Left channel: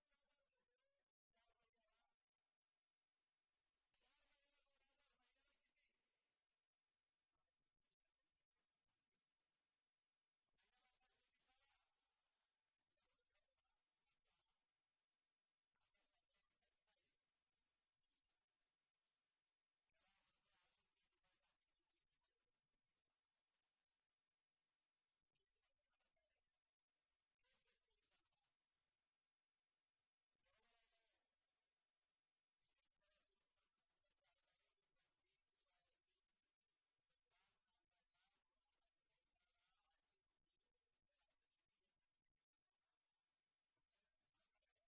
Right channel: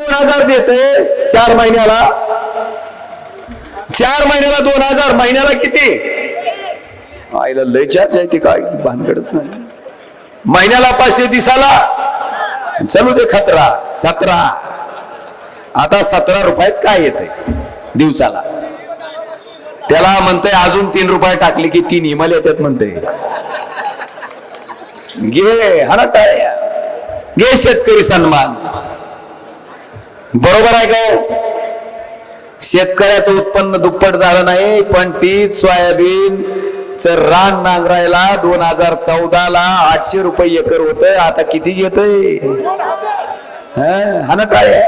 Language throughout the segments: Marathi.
दोन हजार देते चार महिन्याला. चार महिन्याला दोन हजार. महिन्याला किती? आईला लय चार्ज आहे ते काय? भानगडत नाही. महिन्याला पाचशे दिसाला. चलू दे खतरा. सतरा. आता सतरा रुपयात काय येते दिवसाला. त्याला म्हणतोय अजून तीन रुपये टाकले की तीन हिमाल येतात म्हणतोय. घे हा टाळ्या घे शेतकरी सन्मान. बरोबर आहे का? शेतकऱ्याचं उत्पन्न दुप्पट झालं नाही पण तीच सोयाबीन च रान नांगरायला दोन हजार चौदा ला आठशे रुपये एकर होत आता किती घेतय? हा ना टाळ्या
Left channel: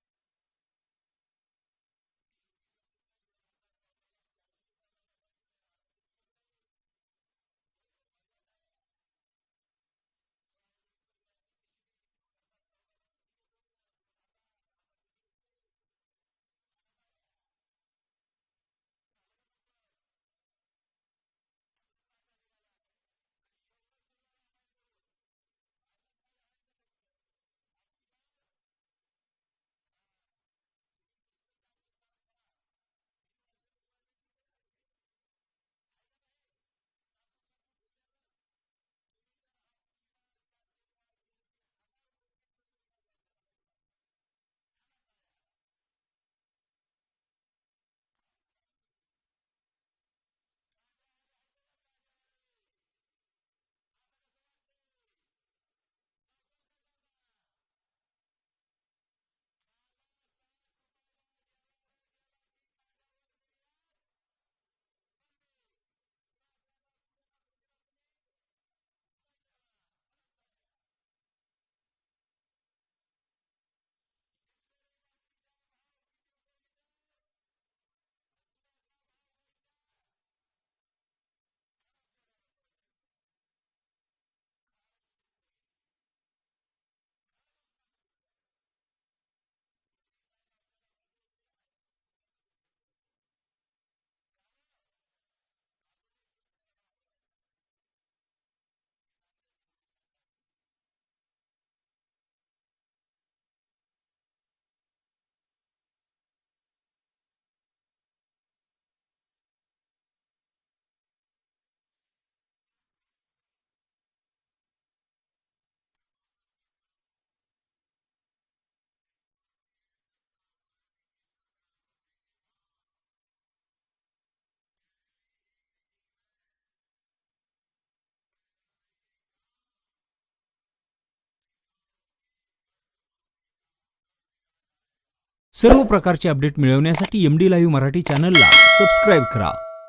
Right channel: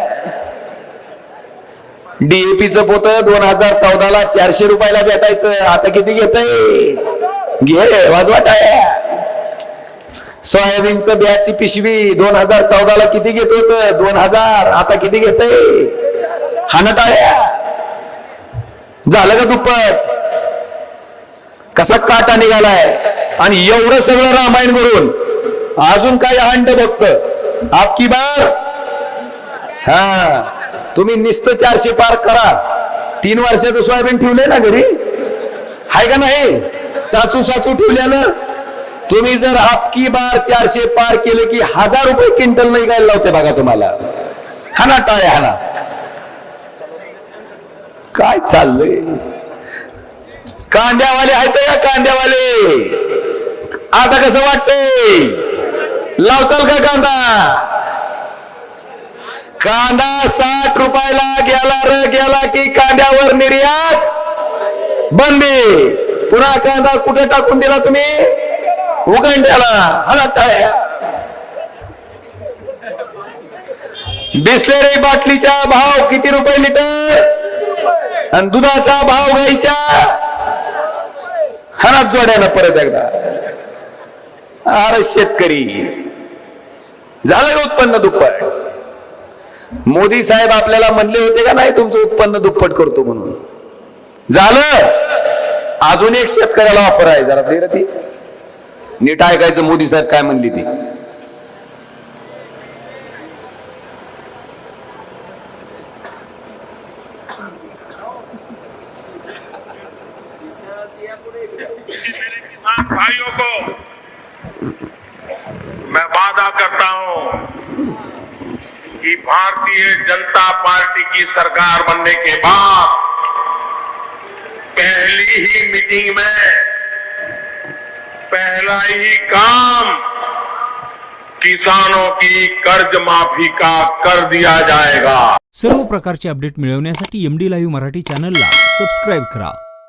डीएपीच पोत दोन हजार चौदा ला चारशे रुपयाला भेटायचं. आता किती घेतय? घे वाजवा टाळ्या. सोयाबीनचं बियाची पिशवी दोन हजार चौदा ला किती घेत होत? दोन हजार. आता किती घेतय? हानटाळ्या. झालं का दुप्पट? कसा काटा निघालाय? आणि एवढं सगळं रामायण करून अजून काय हांड बघत? आपकी बार? हा. तुम्ही निस्त चारशे पार करा. तीन वर्षाचं सोयाबीन ठेवलंय ना घरी? हाय का नाही? साचू साचू ठेवल्यानं तुम्ही जर आपकी बार चारशे पार केले की हजार रुपये क्विंटल नाही काय लावते बघा तुम्हाला. हाना टाळे हाना. काय चाललंय? कांद्यावाले आहेत का कांद्यावाले. आता कसं वाटतंय? लावचाल का कांदा? कांदा साठ रुपयाला गेला र गेला की कांद्यावर निर्यात बंदी. पुन्हा कांदा कुठे टाकून दिला तुम्ही? उगंड्याला हला टाळ्या बिस्लेरी बाटलीचा भाव किती रुपये लिटर? आणि दुधाचा भाव गाईच्या हनात जोड्यानं परत एकदा. अरे शेतकरी. झालं का उत्पन्न दुप्पट? मोदी साहेब आपल्याला म्हणले होते का नाही तुमचं उत्पन्न दुप्पट करतो म्हणून? झालं? अजून एक शेतकऱ्याला वापर आहे जरा दे ती. नीट ऐकायचं, मोदी साहेब काय म्हणली ती? भाइयों को मैं वादा करता हूँ कि भारतीय जनता पार्टी की सरकार बनने के बाद पहली ही मीटिंग में पहला ही काम। किसानों की कर्ज माफी का कर दिया जाएगा। सर्व प्रकारचे अपडेट मिळवण्यासाठी एम डी लाईव्ह मराठी चॅनलला सबस्क्राईब करा.